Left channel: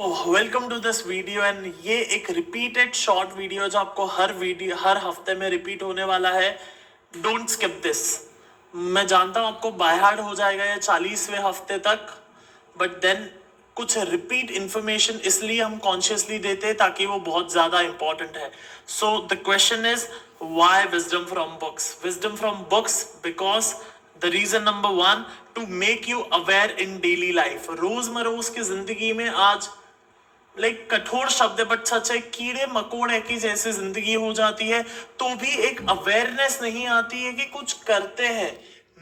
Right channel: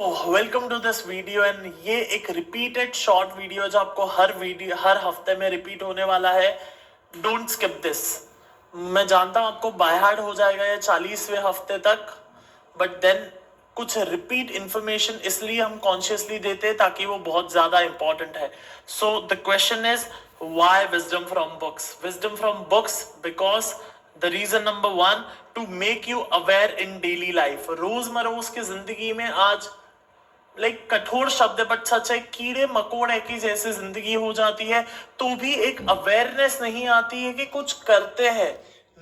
Welcome to this video and ये एक repeated short video जो आपको हर हफ्ते में रिपीट होने वाला है। Don't skip this. मैं जानता हूं आपको बाय हार्ट हो जाएगा ये 40वें हफ्ते तक, बट देन कुछ रिपीट इंफॉर्मेशन इसलिए हम कॉन्शियसली देते हैं ताकि वो बहुत ज्यादा इंपॉर्टेंट है। So the question is why wisdom from books? Wisdom from books because the reason number one, to make you aware in daily life. रोजमरोज की जिंदगी में आज कठोर शब्द है बट सच है, कीड़े मकोड़े की जैसे जिंदगी हो जाती है तो भी एक अवेयरनेस नहीं आती है कि कुछ करते हैं,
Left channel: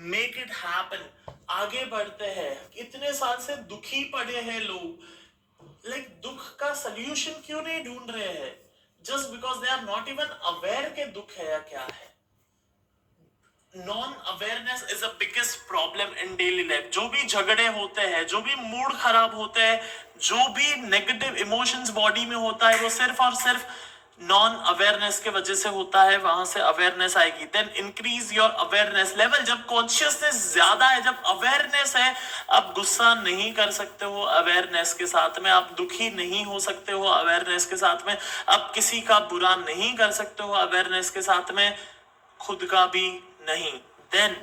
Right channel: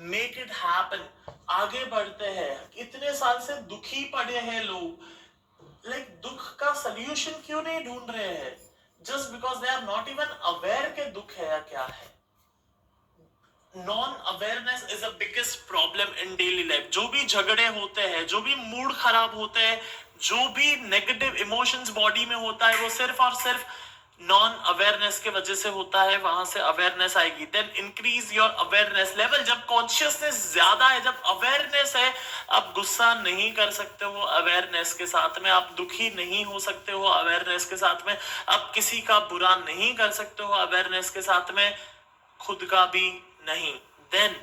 मेक इट हैपन, आगे बढ़ते हैं। इतने साल से दुखी पड़े हैं लोग, दुख का सोल्यूशन क्यों नहीं ढूंढ रहे हैं? Just because they are not even aware के दुख है या क्या है। Non awareness is the biggest problem in daily life. जो भी झगड़े होते हैं, जो भी मूड खराब होते हैं, जो भी नेगेटिव इमोशंस बॉडी में होता है, वो सिर्फ और सिर्फ नॉन अवेयरनेस के वजह से होता है। वहां से अवेयरनेस आएगी, then increase your awareness level. जब कॉन्शियसनेस ज्यादा है, जब अवेयरनेस है, आप गुस्सा नहीं कर सकते हो अवेयरनेस के साथ में, आप दुखी नहीं हो सकते हो अवेयरनेस के साथ में, आप किसी का बुरा नहीं कर सकते हो अवेयरनेस के साथ में, खुद का भी नहीं। Then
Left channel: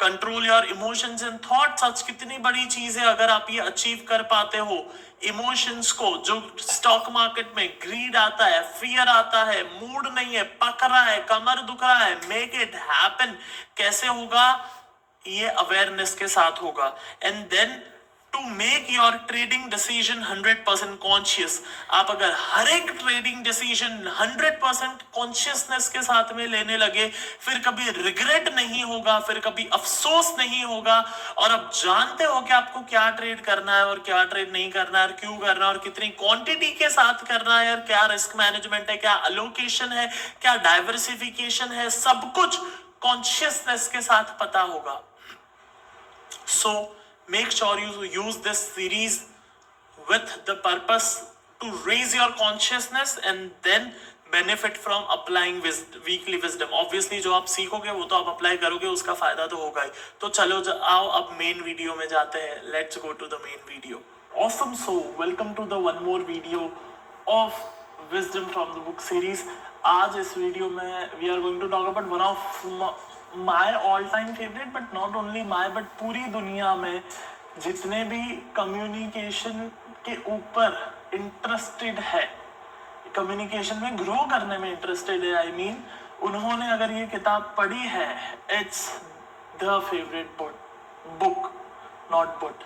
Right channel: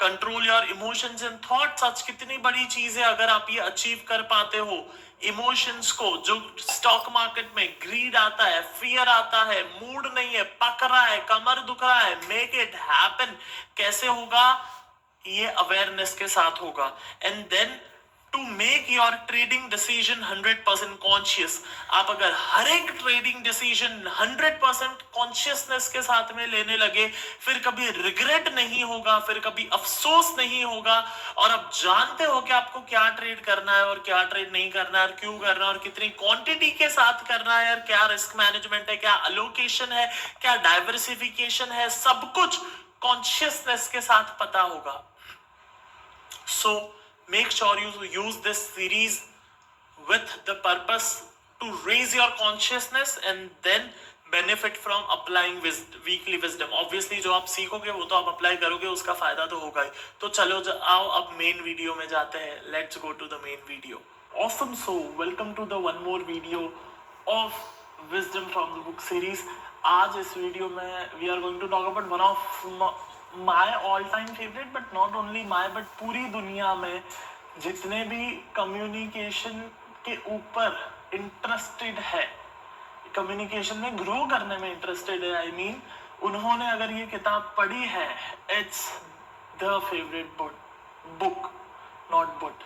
control your emotions and thoughts. आज कितनी बड़ी चीज है अगर आप ये अचीव कर पाते हो इमोशंस को। जो स्टॉक मार्केट में ग्रीड आता है, फियर आता है, मूड नहीं है, पक रहा है, कमर दुख रहा है, मेक इट हैपन। कैसे होगा? ये अवेयरनेस के साथ होगा। And then to make your trading decision 100% conscious. आप अगर हर एक ट्रेडिंग डिसीजन 100% कॉन्शियसनेस के साथ में लेने लगे, फिर कभी रिग्रेट नहीं होगा, फिर कभी अफसोस नहीं होगा, और आप जानते हो कि आपको क्या ट्रेड करना है और क्या ट्रेड नहीं करना है, और क्यों करना है, और कितनी क्वांटिटी के साथ करना है, और क्या रिस्क मैनेजमेंट है, क्या अलोकेशन है, क्या डाइवर्सिफिकेशन है, सब कुछ कॉन्शियसनेस के साथ पता होगा। So make sure you use this series with the purpose to raise your consciousness and then benefit from applying weekly wisdom. Obviously जो आप सीखोगे वो तो आप अप्लाई करोगे, उसका फायदा तो होगा ही। तो चलो आओ अब मेन वीडियो में जाते हैं। Let's go to the main video. Awesome, so welcome to the one more video of wisdom from the book series. आज इस वीडियो में we are going to talk about one of my all time favourite, but not only my, but पूरी दुनिया में जितने भी communication के ऊपर इंटरेस्टेड है, कम्युनिकेशन में ग्रो करने में इंटरेस्टेड है, आई मीन उन्होंने अगर ये किताब पढ़ी है, it's the favourite book, not but.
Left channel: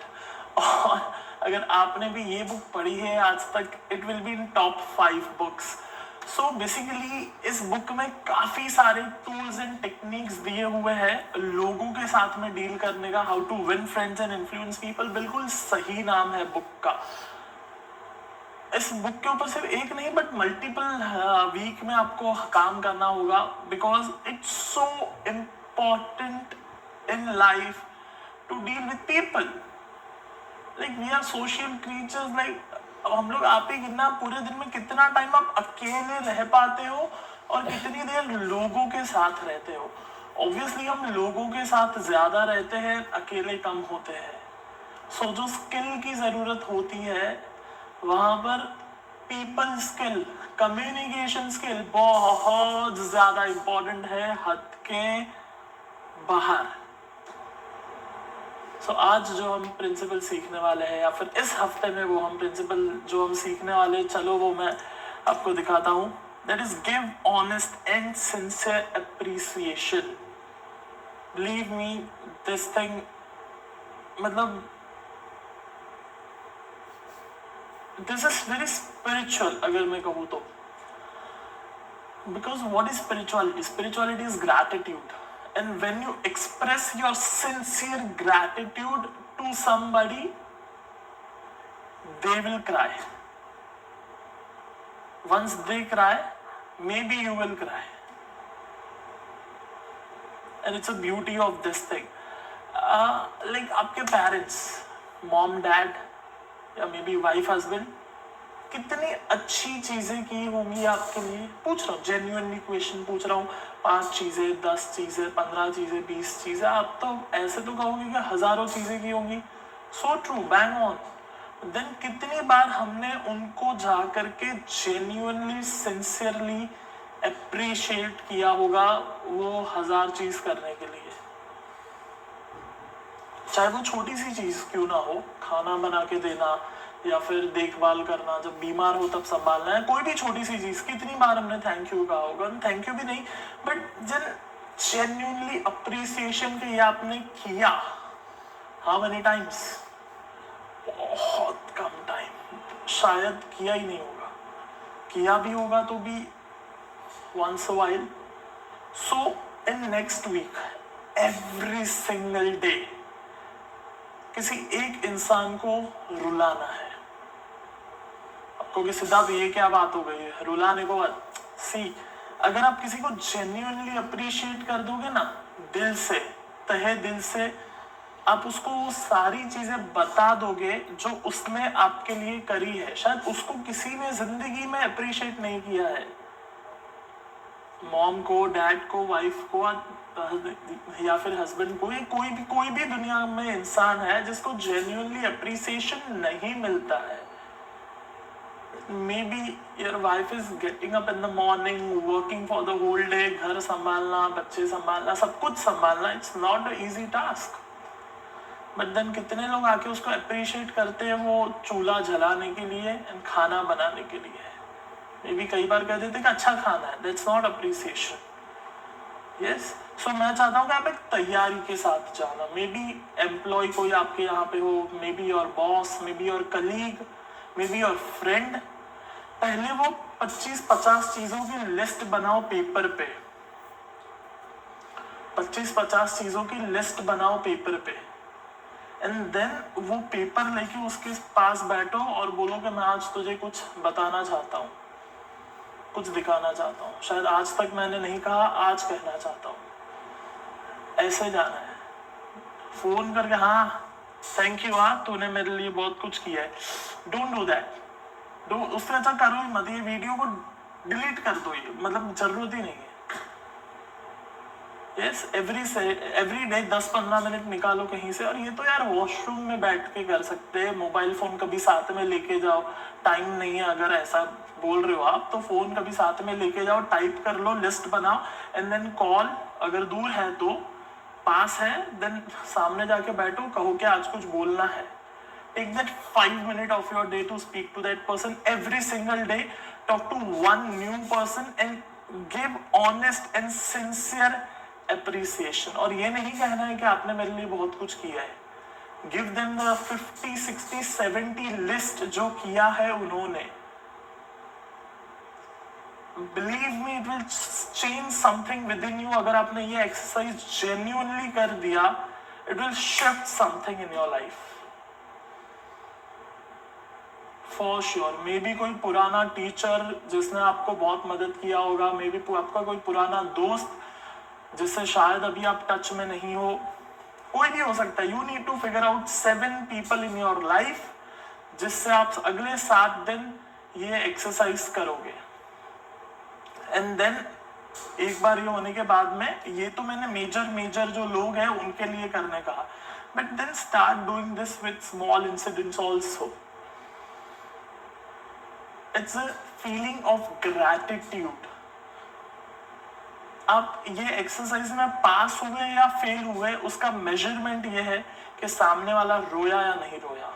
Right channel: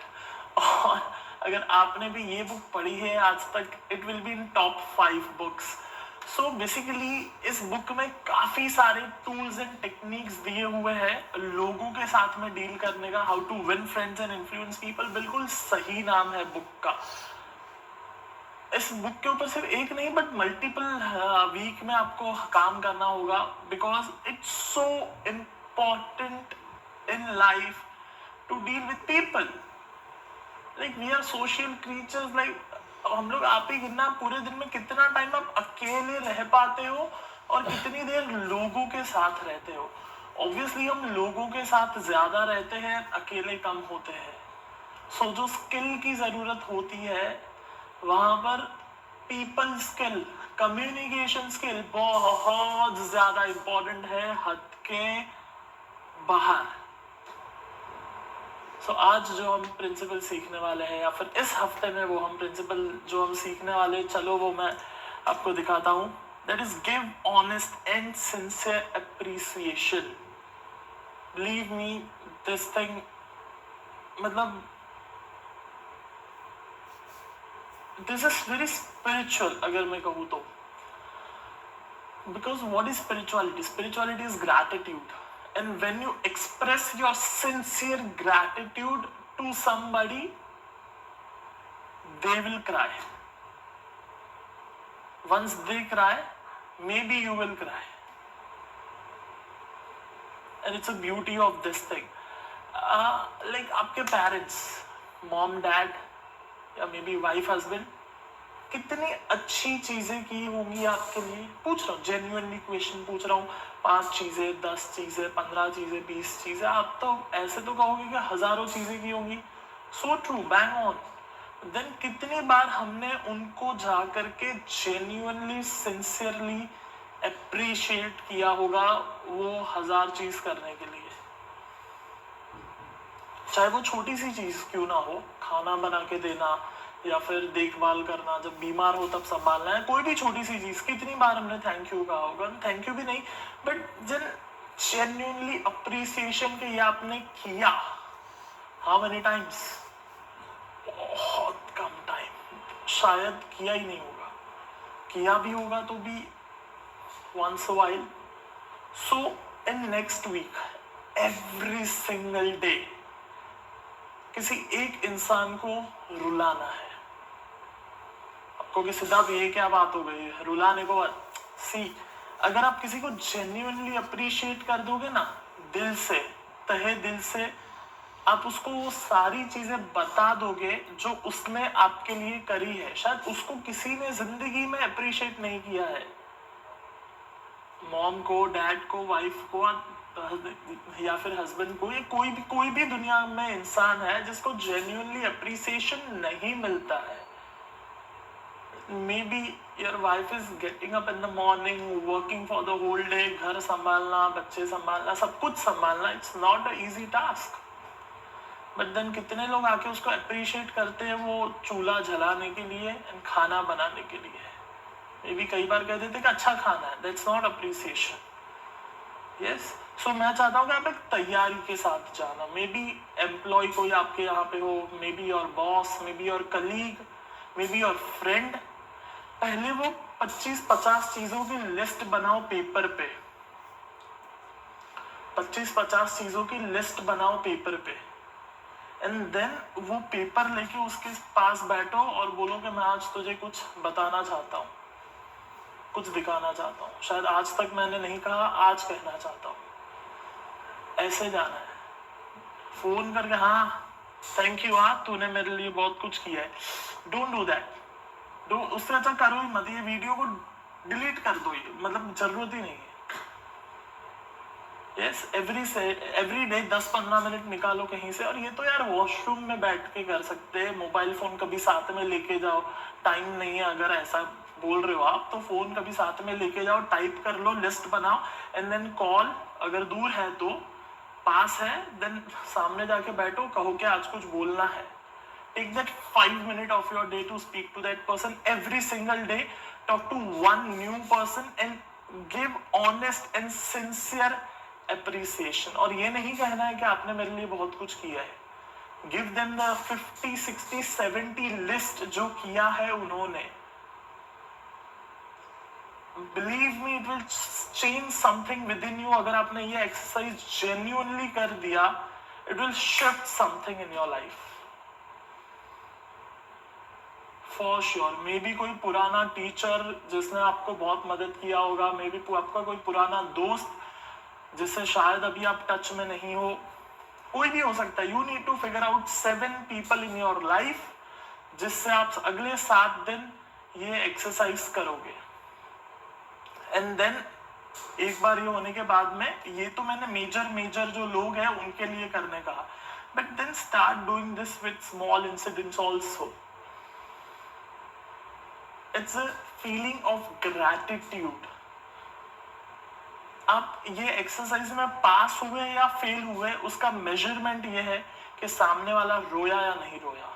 और अगर आपने भी ये बुक पढ़ी है आज तक, it will be in top 5 books. So basically इस बुक में काफी सारे टूल्स एंड टेक्निक्स दिए हुए हैं लोगों के साथ में डील करने का। How to win friends and influence people, बिल्कुल सही नाम है बुक का। इस बुक के ऊपर सिर्फ एक नहीं बट मल्टीपल वीक में आपको काम करना होगा, because it's so important in life to deal with people. We are social creatures. अब हम लोग, आप ही गिनना, पूरे दिन में कितना टाइम आप अकेले रह पाते हो और कितनी देर लोगों के साथ रहते हो। ऑब्वियसली हम लोगों के साथ ज्यादा रहते हैं, अकेले कम होते हैं। सो जो स्किल की जरूरत होती है वहां पर पीपल स्किल, कम्युनिकेशन स्किल बहुत ज्यादा इंपॉर्टेंट है, हद के बाहर। आज जो हम प्रिंसिपल सीखने वाले हैं, या फिर इस हफ्ते में वो हम प्रिंसिपल जो हम सीखने वाले हैं, चलो वो मैं आपको दिखाता हूँ। That is give honest and sincere appreciation. Believe me, this thing, मतलब दिस इज वेरी स्पिरिचुअल अगर मैं कहूँ तो। Because what is spirituality? Spirituality is gratitude. And when you express your sincere gratitude to somebody, they will cry. Once they cry, maybe you will cry. And it's a beauty of this thing. आपके parents, mom, dad, या maybe wife, husband, कितनी अच्छी चीजें की होंगी आपके लिए। पूछ रहा हूँ, जेन्युइनली क्वेश्चन पूछ रहा हूँ। 5 चीजें, 10 चीजें, 15 चीजें, 20 चीजें, आप तो ऐसे तो कहोगे कि हजारों चीजें की होंगी। So true, bang on. Then कितनी बार हमने उनको जा करके जेन्युइनली सिंसियरली अप्रिशिएट किया होगा वो 1000 चीज करने के लिए, चाहे वो छोटी सी चीज क्यों ना हो, खाना बना के देना या फिर देखभाल करना, जब बीमार हो तब संभालना है, कोई भी छोटी सी चीज। कितनी बार हमने थैंक यू कहा होगा, थैंक यू भी नहीं बट जन जेन्युइनली अप्रिसिएशन के ये आपने किया, हाउ मेनी टाइम्स? बहुत कम टाइम, शायद किया ही नहीं होगा, किया भी होगा तो भी once a while. So in next week, every single day किसी एक इंसान को रुलाना है। आपको कि सिद्धार्थ ये क्या बात हो गई रुलाने को? सी, अगर आप किसी को जेन्युइनली अप्रिशिएट कर दोगे ना, दिल से, तहे दिल से आप उसको वो सारी चीजें बता दोगे जो उसने आपके लिए करी है, शायद उसको किसी ने जिंदगी में अप्रिशिएट नहीं किया है, मॉम को, डैड को, वाइफ को या फिर हस्बैंड को, कोई भी दुनिया में इंसान है जिसको जेन्युइनली अप्रिसिएशन नहीं मिलता है। May be your wife is getting up in the morning, working for the whole day, घर संभालना, बच्चे संभालना, सब कुछ संभालना, it's not a easy task. But then कितने लोग आके उसको अप्रिशिएट करते हैं वो चूल्हा जलाने के लिए एंड खाना बनाने के लिए। मे बी कई बार कह देते कि अच्छा खाना है, दैट्स नॉट अप्रिसिएशन। यस, सो मैं चाहता हूँ कि आप एक तैयारी के साथ जाना। मे बी एम्प्लॉय कोई आपके यहाँ पे हो, मे be your boss, may be your colleague, may be your friend. पहले वो 25-50 चीजों की लिस्ट बनाओ पेपर पे, 25-50 चीजों की लिस्ट बनाओ पेपर पे एंड देन वो पेपर लेके उसके पास बैठो और बोलो कि मैं आज तुझे कुछ बताना चाहता हूँ, कुछ दिखाना चाहता हूँ, शायद आज तक मैंने नहीं कहा, आज कहना चाहता हूँ। ऐसे जाना है, फोन करके हाँ थैंक यू, हाँ तूने मेरे लिए बहुत कुछ किया है। डोंट डू दैट, उससे अच्छा करो ही मत, ये वीडियो को डिलीट कर दो, ये मतलब जरूरत ही नहीं है। यस, एवरी डे 10-15 मिनट निकालो कहीं से, और ये तो यार वॉशरूम में बैठ के कर सकते हैं, मोबाइल फोन कभी साथ में लेके जाओ, टाइम नहीं है अगर ऐसा बोल रहे हो आप तो फोन कभी साथ में लेके जाओ, टाइप कर लो, लिस्ट बनाओ एंड देन कॉल, अगर दूर है तो, पास है देन सामने जाके बैठो, कहो कि आज कुछ बोलना है। Take that 5 minutes of your day to speak to that person every single day. Talk to one new person and give honest and sincere appreciation. और ये नहीं कहना है कि आपने मेरे लिए बहुत कुछ किया है। Give them the 50, 60, 70 list जो किया है उन्होंने। Believe me, it will change something within you. अगर आपने ये exercise genuinely कर दिया, it will shift something in your life. For sure. May be कोई पुराना टीचर जिसने आपको बहुत मदद किया होगा, मे बी आपका कोई पुराना दोस्त जिससे शायद अभी आप टच में नहीं हो, कोई भी हो सकता है। You need to figure out 7 people in your life जिससे आप अगले 7 दिन ये एक्सरसाइज करोगे एंड देन एक बार ये होने के बाद में, ये तो मैंने मेजर जो लोग हैं उनके लिए करने कहा, but then start doing this with small incidents also. It's a feeling of gratitude. आप ये एक्सरसाइज में पास हुए या फेल हुए उसका मेजरमेंट ये है कि सामने वाला रोया या नहीं रोया।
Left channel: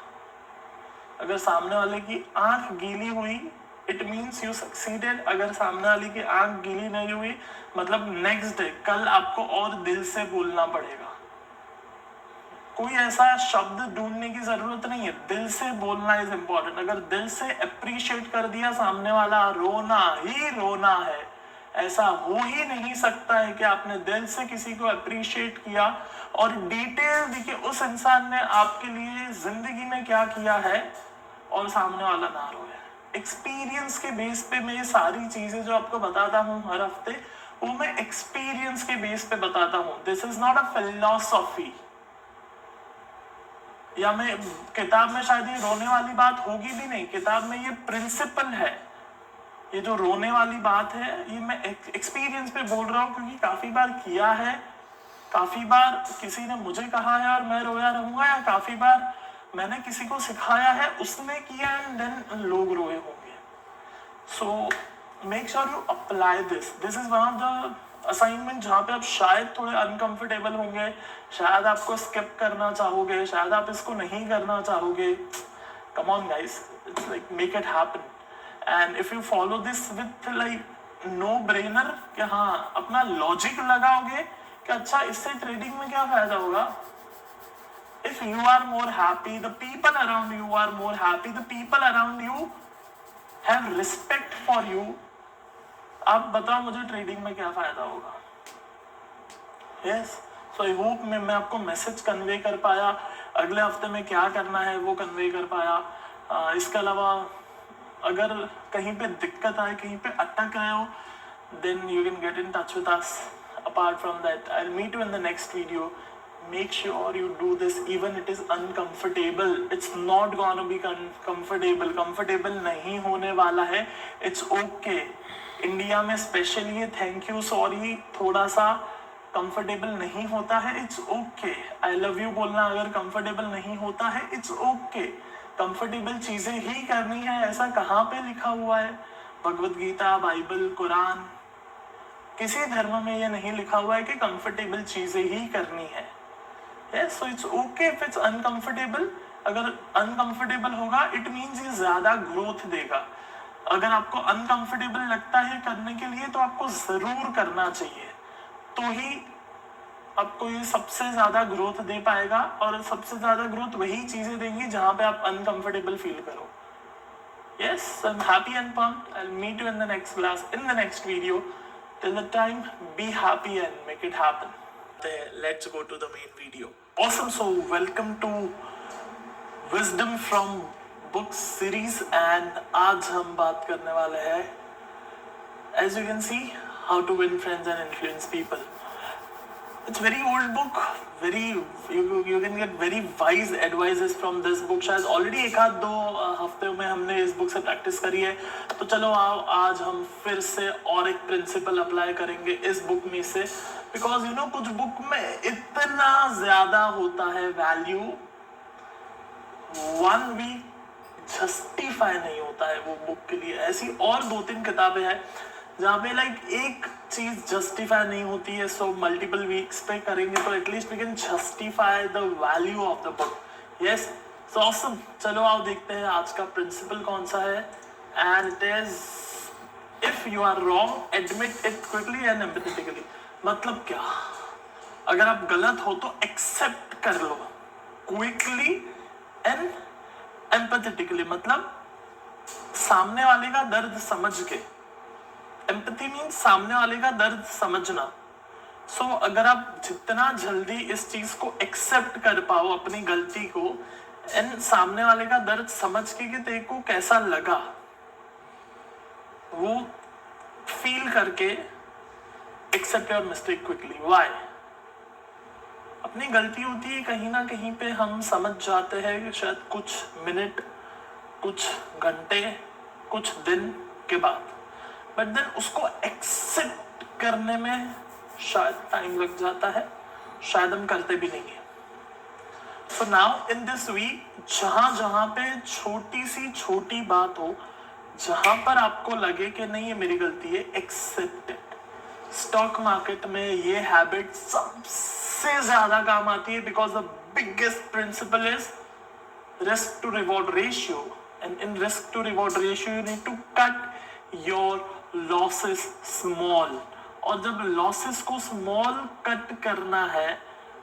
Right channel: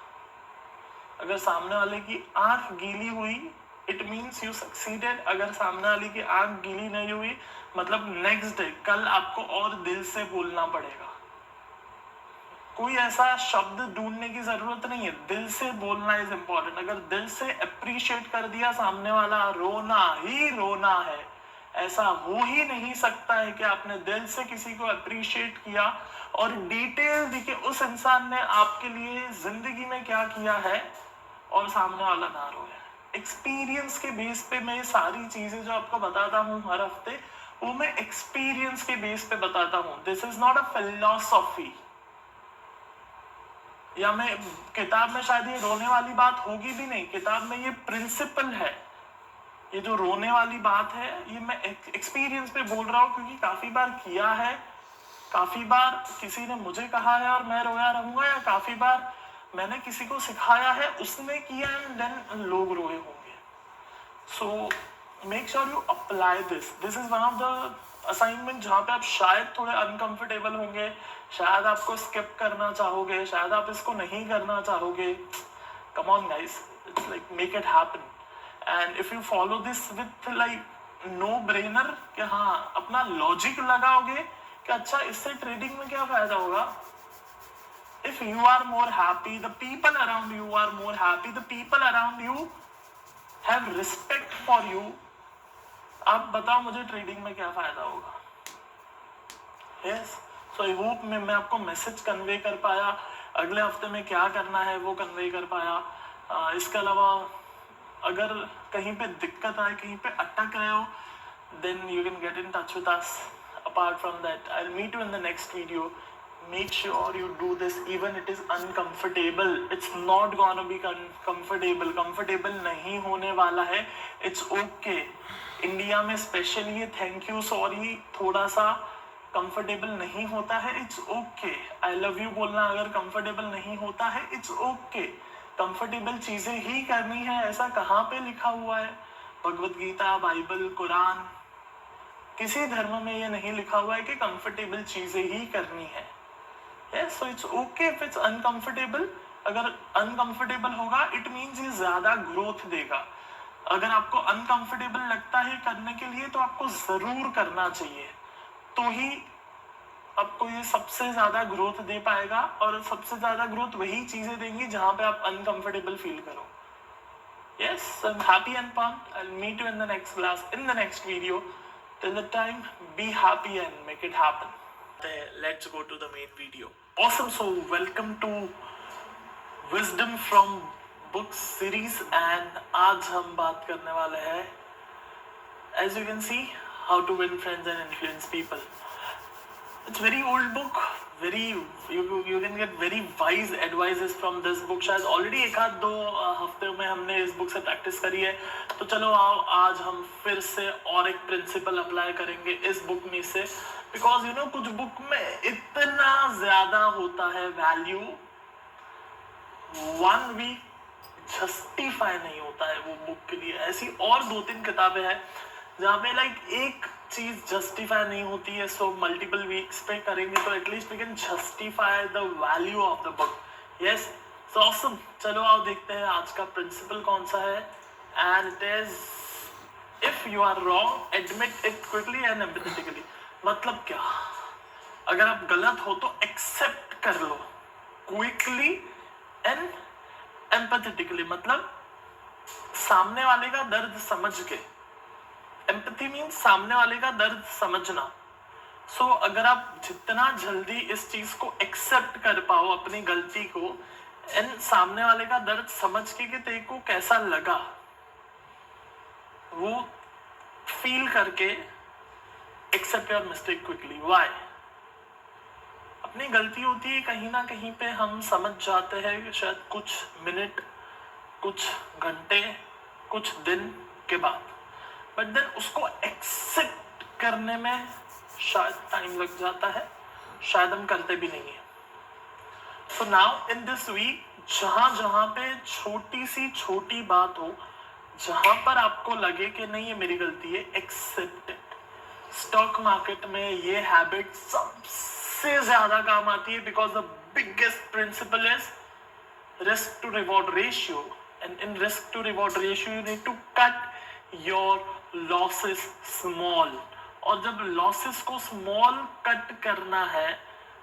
अगर सामने वाले की आंख गीली हुई इट मीन्स यू सक्सीडेड, अगर सामने वाले की आंख गीली नहीं हुई मतलब नेक्स्ट डे, कल आपको और दिल से बोलना पड़ेगा। कोई ऐसा शब्द ढूंढने की जरूरत नहीं है, दिल से बोलना इज इम्पोर्टेंट। अगर दिल से अप्रिशिएट कर दिया सामने वाला, रोना ही रोना है, ऐसा हो ही नहीं सकता है कि आपने दिल से किसी को अप्रिशिएट किया और डिटेल देखिए उस इंसान ने आपके लिए जिंदगी में क्या किया है और सामने वाला ना रोए। एक्सपीरियंस के बेस पे मैं ये सारी चीजें जो आपको बताता हूँ हर हफ्ते, वो मैं एक्सपीरियंस के बेस पे बताता हूँ। This is not a philosophy, या मैं किताब में शायद ये रोने वाली बात होगी भी नहीं, किताब में ये प्रिंसिपल है। ये जो रोने वाली बात है ये मैं एक्सपीरियंस पे बोल रहा हूँ, क्योंकि काफी बार किया है, काफी बार किसी ने मुझे कहा है और मैं रोया रहूंगा, या काफी बार मैंने किसी को सिखाया है, उसने किया एंड देन लोग रोए होंगे. So make sure you apply this. This is one of the assignment जहाँ पे आप शायद थोड़े अनकंफर्टेबल होंगे, शायद आपको स्किप करना चाहोगे, शायद आप इसको नहीं करना चाहोगे. Come on guys, it's like make it happen. And if you follow this with like no brainer, कि हाँ अपना लॉजिक लगाओगे कि अच्छा इससे ट्रेडिंग में क्या फायदा होगा. If you are more happy, the people around you are more happy, the people around you have respect for you. आप बताओ मुझे ट्रेडिंग में क्या फायदा होगा. Yes, so I hope मैं आपको मैसेज कन्वे कर पाया. अगले हफ्ते में क्या करना है वो कन्वे कर पाया. इसके अलावा अगर कहीं पे दिक्कत आए, कहीं पे अटक रहे हो, then you can get in touch with us. Apart from that, I'll meet you in the next video. Make sure you do this even it is uncomfortable. It's not gonna be comfortable. Comfortable नहीं होने वाला है. It's okay. India में specially ये thank you sorry थोड़ा सा comfortable नहीं होता है. It's okay. I love you बोलना अगर कंफर्टेबल नहीं होता है, इट्स ओके. कंफर्टेबल चीजें ही करनी है, ऐसा कहाँ पे लिखा हुआ है? भगवत गीता, बाइबल, कुरान, किसी धर्म में ये नहीं लिखा हुआ है कि कंफर्टेबल चीजें ही करनी है. Yes, so it's okay if it's uncomfortable. अगर uncomfortable होगा, it means ये ज्यादा ग्रोथ देगा. अगर आपको uncomfortable लगता है करने के लिए, तो आपको जरूर करना चाहिए. तो ही आपको ये सबसे ज्यादा ग्रोथ दे पाएगा, और सबसे ज्यादा ग्रोथ वही चीजें देंगी जहां पे आप uncomfortable फील करो. Yes, I'm happy and pumped. I'll meet you in the next class, in the next video. Till the time, be happy and make it happen. Let's go to the main video. Awesome. So welcome to Wisdom from Books series, and आज हम बात करने वाले हैं, as you can see, how to win friends and influence people. It's very old book. Very you can get very wise advices from this book. शायद already एक आध दो हफ्ते में हमने इस बुक से प्रैक्टिस करी है. तो चलो आओ आज हम फिर से और एक प्रिंसिपल अप्लाई करेंगे इस बुक में से. बिकॉज यू नो कुछ बुक में इतना ज्यादा होता है वैल्यू, वन वीक जस्टिफाई नहीं होता है वो बुक के लिए. ऐसी और 2-3 किताबें हैं जहाँ पे लाइक एक चीज जस्टिफाई नहीं होती है. सो मल्टीपल वीक्स पे करेंगे तो at least we can justify the value of the book. Yes, so awesome. चलो आओ देखते हैं आज का प्रिंसिपल कौन सा है. And it is, if you are wrong admit it quickly and empathetically. मतलब क्या? अगर आप गलत हो तो एक्सेप्ट कर लो क्विकली एंड एम्पैथेटिकली. मतलब सामने वाले का दर्द समझ के. एम्पैथी मीन्स सामने वाले का दर्द समझना. सो अगर आप जितना जल्दी इस चीज को एक्सेप्ट कर पाओ, अपनी गलती को, एंड सामने वाले का दर्द समझ के कि तेरे को कैसा लगा, वो फील करके accept your mistake quickly. Why? अपनी गलती होती है कहीं ना कहीं पे, हम समझ जाते हैं कि शायद कुछ मिनट, कुछ घंटे, कुछ दिन के बाद. बट देन उसको एक्सेप्ट करने में शायद टाइम लग जाता है, शायद हम करते भी नहीं है. So now in this week, जहां पे छोटी सी छोटी बात हो, जहां पर आपको लगे कि नहीं ये मेरी गलती है, एक्सेप्ट इट. स्टॉक मार्केट में ये हैबिट सबसे ज्यादा काम आती है, because the biggest principle is risk to reward ratio. And in risk to reward ratio you need to cut your losses small. और जब लॉसेस को स्मॉल कट करना है,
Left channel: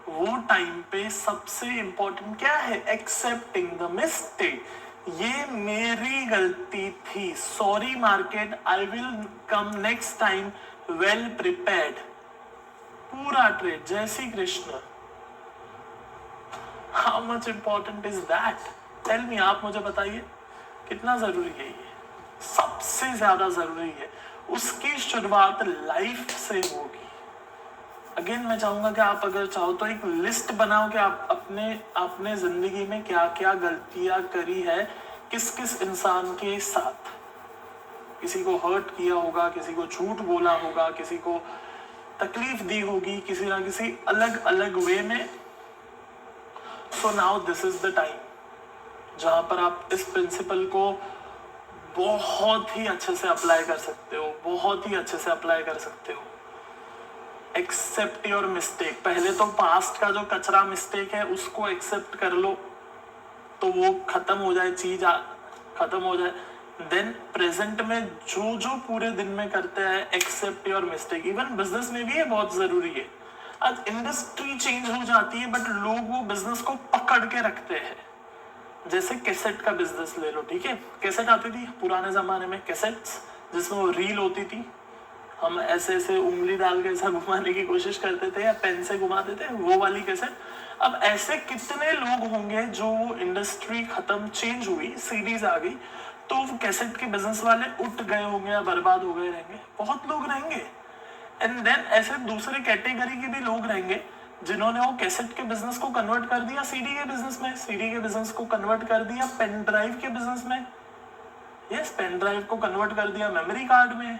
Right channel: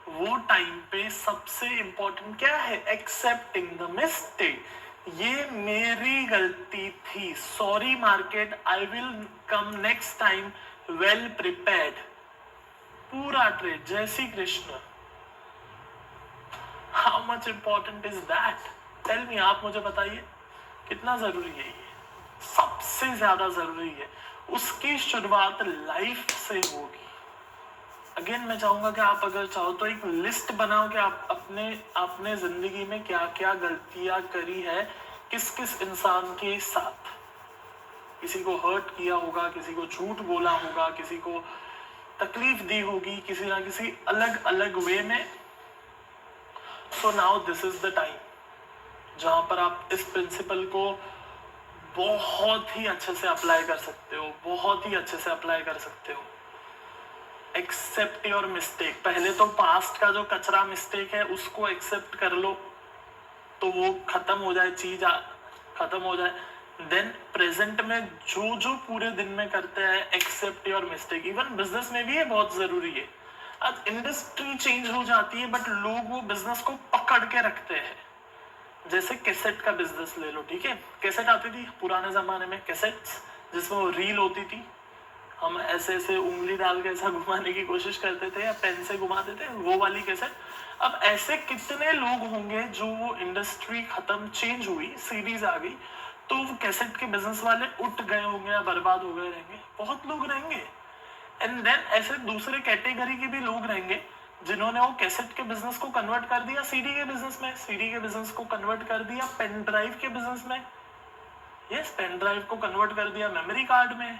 वो टाइम पे सबसे इंपॉर्टेंट क्या है? Accepting the mistake. ये मेरी गलती थी, sorry market, I will come next time well prepared. पूरा trade. Jai Shri Krishna. How much important is that? Tell me, आप मुझे बताइए कितना जरूरी है ये. सबसे ज्यादा जरूरी है. उसकी शुरुआत लाइफ से होगी. अगेन मैं चाहूंगा कि आप अगर चाहो तो एक लिस्ट बनाओ कि आप अपने जिंदगी में क्या क्या गलतियां करी है, किस किस इंसान के साथ. किसी को हर्ट किया होगा, किसी को झूठ बोला होगा, किसी को तकलीफ दी होगी, किसी ना किसी अलग अलग वे में. So now this is the time. जहां पर आप इस प्रिंसिपल को बहुत ही अच्छे से अप्लाई कर सकते हो, बहुत ही अच्छे से अप्लाई कर सकते हो। Accept your mistake. पहले तो पास्ट का जो कचरा मिस्टेक है उसको एक्सेप्ट कर लो, तो वो खत्म हो जाए, चीज खत्म हो जाए। देन प्रेजेंट में जो जो पूरे दिन में करते हैं, accept your mistake. Even business में भी ये बहुत जरूरी है। आज इंडस्ट्री चेंज हो जाती है बट लोग वो बिजनेस को पकड़ के रखते हैं। जैसे कैसेट का बिजनेस ले लो, ठीक है, कैसेट आती थी पुराने जमाने में, कैसेट्स जिसमें वो रील होती थी, हम ऐसे ऐसे उंगली डाल के ऐसा घुमाने की कोशिश करते थे या पेन से घुमाते थे, वो वाली कैसेट। अब ऐसे कितने लोग होंगे जो वो इंडस्ट्री खत्म, चेंज हुई, सीरीज आ गई, तो वो कैसेट के बिजनेस वाले उठ गए होंगे या बर्बाद हो गए रहेंगे, बहुत लोग रहेंगे। एंड देन ऐसे दूसरे कैटेगरी के भी लोग रहेंगे जिन्होंने वो कैसेट के बिजनेस को कन्वर्ट कर दिया सीडी के बिजनेस में, सीडी के बिजनेस को कन्वर्ट कर दिया पेन ड्राइव के बिजनेस में, यस, पेन ड्राइव को कन्वर्ट कर दिया मेमोरी कार्ड में।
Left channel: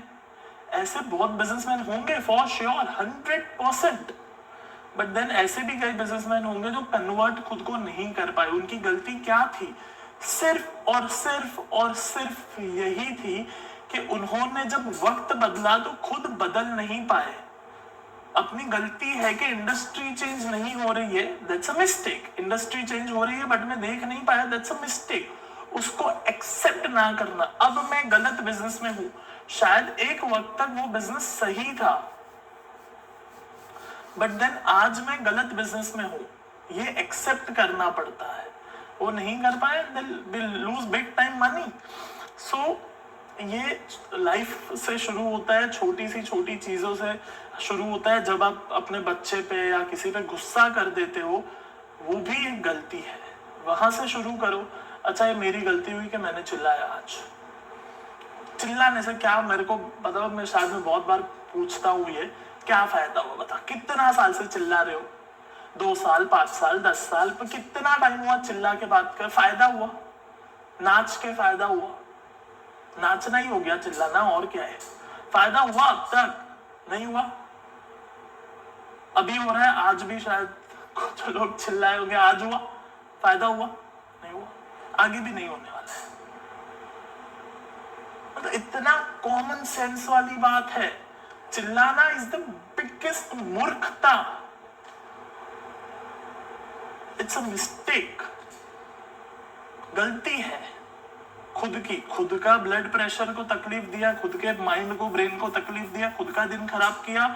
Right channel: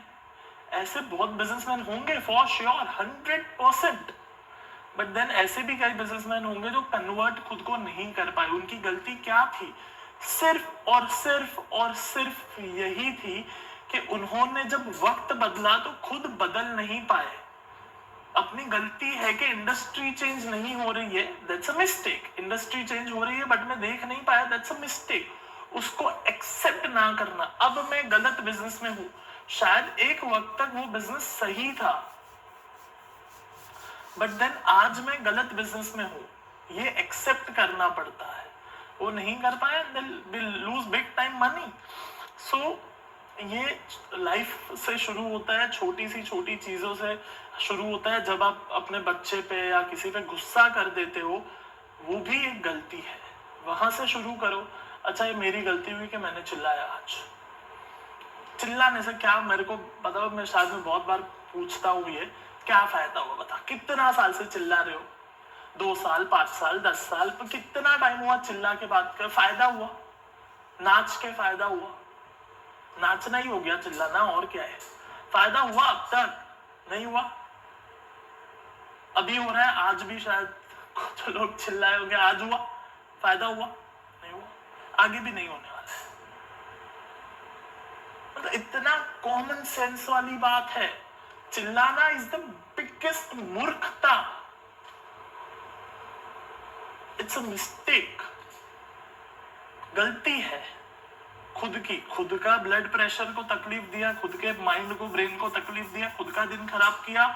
ऐसे बहुत बिजनेसमैन होंगे फॉर श्योर, 100%। बट देन ऐसे भी कई बिजनेसमैन होंगे जो कन्वर्ट खुद को नहीं कर पाए। उनकी गलती क्या थी? सिर्फ और सिर्फ और सिर्फ यही थी कि उन्होंने जब वक्त बदला तो खुद बदल नहीं पाए। अपनी गलती है कि इंडस्ट्री चेंज नहीं हो रही है, that's a mistake. Industry change हो रही है बट मैं देख नहीं पाया, दैट्स अ मिस्टेक। उसको एक्सेप्ट ना करना, अब मैं गलत बिजनेस में हूं, शायद एक वक्त तक वो बिजनेस सही था बट देन आज मैं गलत बिजनेस में हूं, ये एक्सेप्ट करना पड़ता है। वो नहीं कर पाए, will lose big time money. So ये लाइफ से शुरू होता है, छोटी सी छोटी चीजों से शुरू होता है। जब आप अपने बच्चे पे या किसी पे गुस्सा कर देते हो, वो भी एक गलती है, वहां से शुरू करो। अच्छा, ये मेरी गलती हुई कि मैंने चिल्लाया आज। चिल्लाने से क्या, मेरे को बताओ, मैं शायद में बहुत बार पूछता हूँ ये, क्या फायदा हुआ? बता, कितना साल से चिल्ला रहे हो? 2 साल, 5 साल, 10 साल, पर कितना टाइम हुआ चिल्ला के बात कर? फायदा हुआ? नाच के फायदा हुआ? नाचना ही हो गया चिल्लाना, और क्या है? फायदा हुआ? अब तक नहीं हुआ। अभी हो रहा है, आज भी शायद कुछ लोग चिल्लाए होंगे, आज हुआ? फायदा हुआ? नहीं हुआ, आगे भी नहीं होने वाला है। मतलब इतना कॉमन सेंस वाली बात है। चिल्लाना इज द बिगेस्ट मूर्खता, इट्स अ मिस्टेक, गलती है खुद की। खुद का ब्लड प्रेशर को तकलीफ दिया, खुद के माइंड को, ब्रेन को तकलीफ दिया, खुद का दिन खराब किया,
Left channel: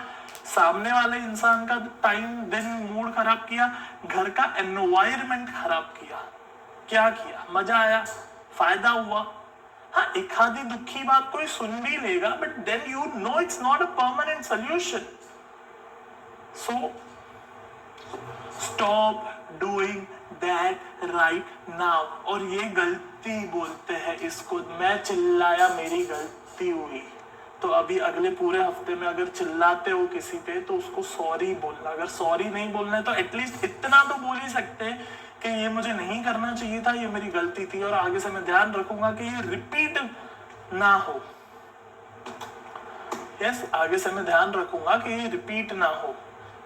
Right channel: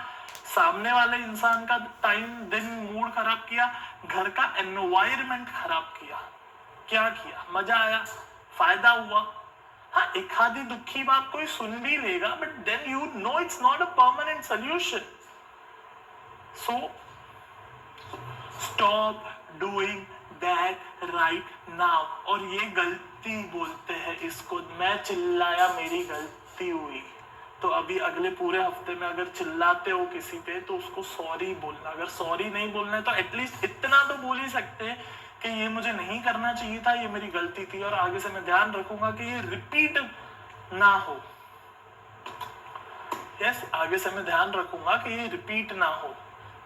सामने वाले इंसान का टाइम, दिन, मूड खराब किया, घर का एनवायरनमेंट खराब किया। क्या किया? मजा आया? फायदा हुआ? हाँ, एक आधी दुखी बात कोई सुन भी लेगा but then you know it's not a permanent solution. So stop doing that right now. और ये गलती बोलते हैं इसको। मैं चिल्लाया, मेरी गलती हुई, तो अभी अगले पूरे हफ्ते में अगर चिल्लाते हो किसी पे तो उसको सॉरी बोलना। अगर सॉरी नहीं बोलना है तो एटलीस्ट इतना तो बोल ही सकते हैं कि ये मुझे नहीं करना चाहिए था, ये मेरी गलती थी और आगे से मैं ध्यान रखूंगा कि ये रिपीट ना हो। यस, आगे से मैं ध्यान रखूंगा कि ये रिपीट ना हो।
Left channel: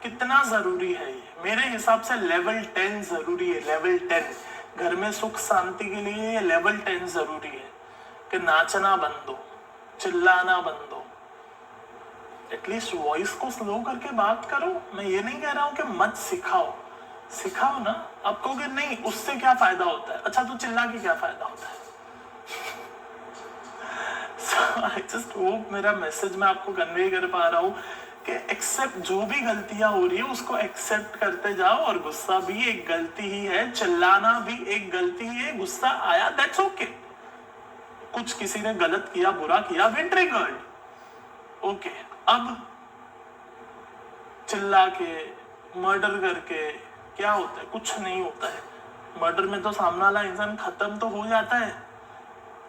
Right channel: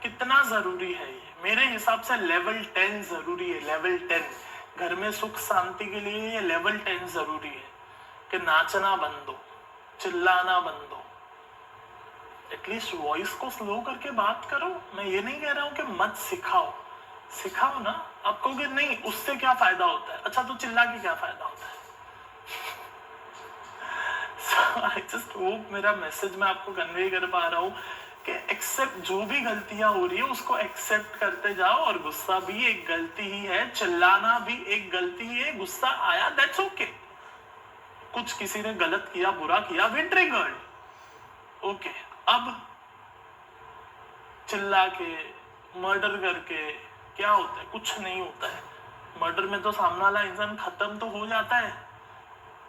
कितना जरूरी है ये? मेरे हिसाब से लेवल 10 जरूरी है। लेवल 10 घर में सुख शांति के लिए लेवल 10 जरूरी है कि नाचना बंद हो, चिल्लाना बंद हो, एटलीस्ट वॉइस को स्लो करके बात करो। मैं ये नहीं कह रहा हूं कि मत सिखाओ, सिखाओ ना। आप कहोगे नहीं, उससे क्या फायदा होता है? अच्छा, तो चिल्ला के क्या फायदा होता है? आई जस्ट होप मेरा मैसेज मैं आपको कन्वे कर पा रहा हूँ कि एक्सेप्ट, जो भी गलतियां हो रही है उसको एक्सेप्ट करते जाओ। और गुस्सा भी एक गलती ही है, चिल्लाना भी एक गलती ही है। गुस्सा आया, दैट्स ओके। कुछ किसी ने गलत किया, बुरा किया, वी ट्रिगर्ड, ओके। अब चिल्ला के, मर्डर करके क्या होता है? कुछ नहीं होता है। मर्डर में तो सामने वाला इंसान खत्म तो हो जाता है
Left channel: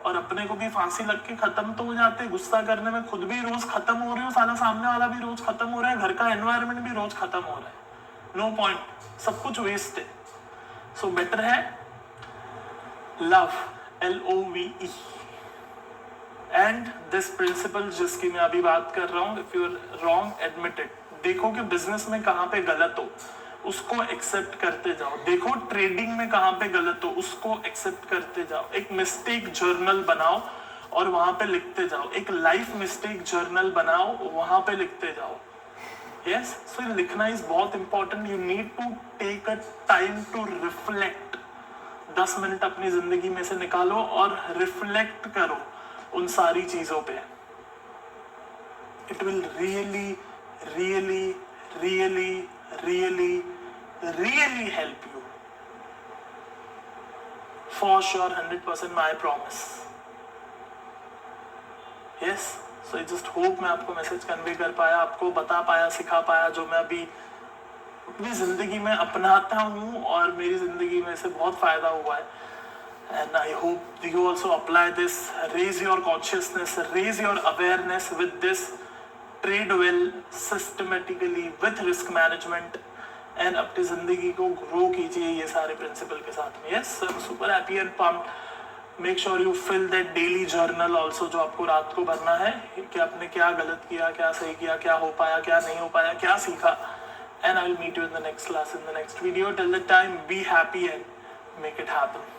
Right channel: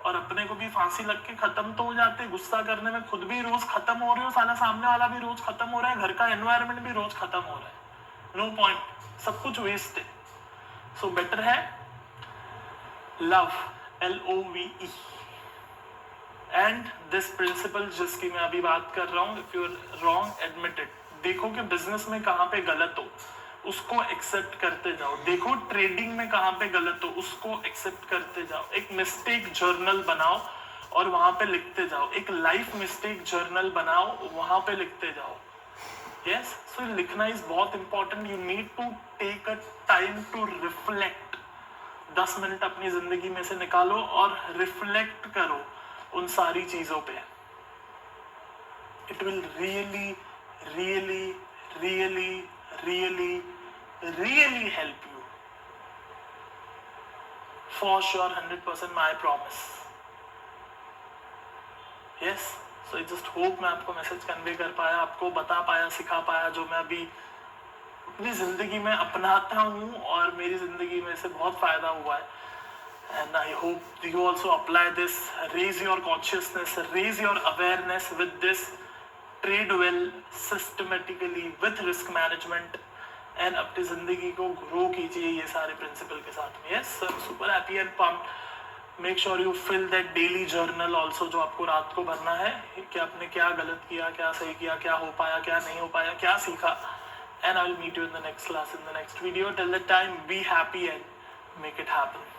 और अपने को भी फांसी लग के खत्म तो हो जाते हैं। गुस्सा करने में खुद भी रोज खत्म हो रहे हो, साला सामने वाला भी रोज खत्म हो रहा है, घर का एनवायरनमेंट भी रोज खत्म हो रहा है। नो पॉइंट, सब कुछ वेस्ट है। सो बेटर है love, LOVE। And this principle जिसकी मैं अभी बात कर रहा हूं, if you are wrong admit it. देखो कि बिजनेस में कहां पे गलत हो, उसको एक्सेप्ट करते जाओ। देखो ट्रेडिंग में कहाँ पे गलत हो, उसको एक्सेप्ट करते जाओ। एक मिस्टेक जर्नल बनाओ और वहां पे लिखते जाओ। एक लाइफ मिस्टेक जर्नल बनाओ, वहां पे लिखते जाओ। यस, सो लिखना इज बहुत important. You need to take a time to reflect. 10 minute अपनी जिंदगी में से निकालो और रिफ्लेक्ट करो उन सारी चीजों पे। It will really really really really really help you, for sure, 100% my promise. Yes, so I just hope मैं आपको मैसेज कन्वे कर पाया, आपको बता पाया, सिखा पाया, जो मैं अभी अपनी जिंदगी में अपनाता हूँ और मेरी जिंदगी में से बहुत फायदा हुआ है। And I hope you also apply this. Raise your consciousness, raise your awareness with this. Trade well, systematically, with risk management, and अपनी जिंदगी को ग्रो कीजिए ये सारे प्रिंसिपल के साथ में। Yes, I'm super happy and pumped. Make sure you fill that daily journal also, जो आपको रात को भरना है कि आपने क्या गलत किया, क्या सही किया, क्या हो पाया, क्या नहीं हो पाया, क्या सीखा। And I'll meet you in the next class, in the next video. Till that time, be happy and make it happen.